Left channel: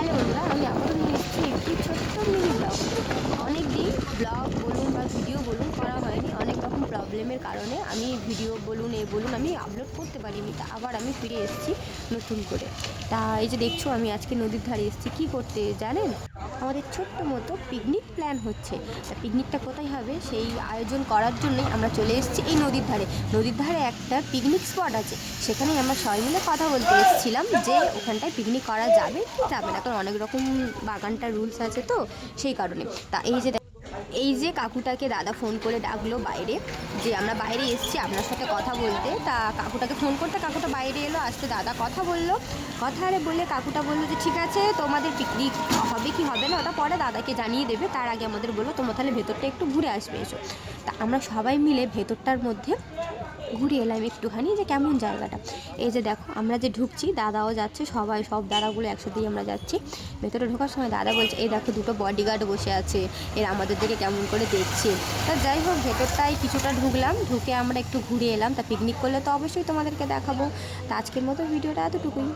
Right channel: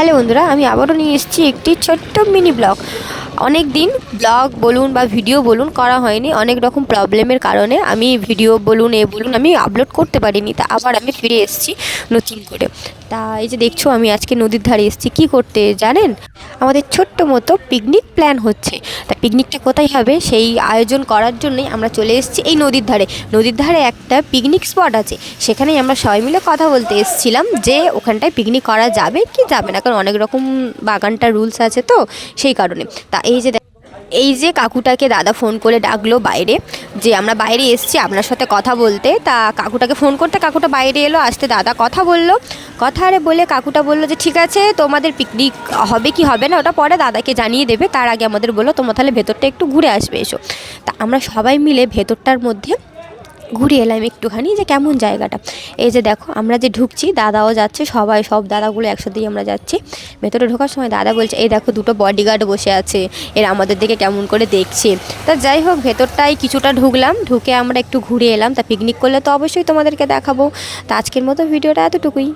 Hello বন্ধুরা, আমি আবারও নিয়ে এসেছি একটি ছোট্ট মিনি ব্লগ। অনেক দিন ব্লগ বলুন বা ভিডিও বলুন করা হয়নি, অনেক রকম প্রবলেমের কারণে আমি ভিডিও বলুন বলুন আমি আপলোড করতে পারিনি। তা আবার আমি ফিরে এসেছি নতুন করে। তা এই যে দেখছো, আমি আজকে নদীর ধারে এসেছি কী করতে জানেন? আমাদের ছোট্ট মতো পিকনিক প্ল্যান হচ্ছে। তা পিকনিকটা কোথায় হবে সেই আয়োজন করার জন্যই আমরা চলে এসেছি এই নদীর ধারে। নদীর ধারে একটা পিকনিক স্পট আছে, সেখানেই আমরা সবাই মিলে কথা বলতে এসেছিলাম যে ওখানটায় পিকনিক করা যাবে কি যাবে না, কারণ অনেক রকম বাগানটা রুলস আছে, তো সেই কারণে। তা এই যে কাকুটাকে দাদা ফোন করে ডাকলো বাইরে, যে আমরা বাইরে এসেছি আপনার সাথে কথা বলতে। তা কাকুটাকে ফোন করতে কাকুটা বাইরে এলো, আসতে দাদা কথা বললো। কথা আরে বলে কাকুটা বললো যে ঠিক আছে, তোমাদের পিকনিক হবে কি হবে না ওটা পরে দাদাকে জানিয়ে দেবে, তার আগে আমাদের বলো তোমরা তাহলে ভেতরটা একটু ঘুরে আসবে এসো। তা আমরা সবাই মিলে ভেতরটার মধ্যে ঘুরে এলাম একটুখানি, যে কেমন জায়গাটা। এই যে দেখো আমরা যে ঢুকছি, দাদাও যাচ্ছে, সব দাদাগুলো একসাথেই আমরা যাচ্ছি। ভেতরে ঢোকার সময় দাদা বলছে এই দেখো দুটো বডিগার্ড বসে আছে, এরা আমাদের দিকে কেমন করে দেখছে। তা যাই হোক, ভেতরটাই কিছুটা ঢুকলাম, ঢুকে আমরা একটু ঘুরে এলাম। তা পিকনিক করলে তো অবশ্যই তোমাদেরকে দেখাবো। তা আজকের মতো ভিডিওটা এতটুকুই।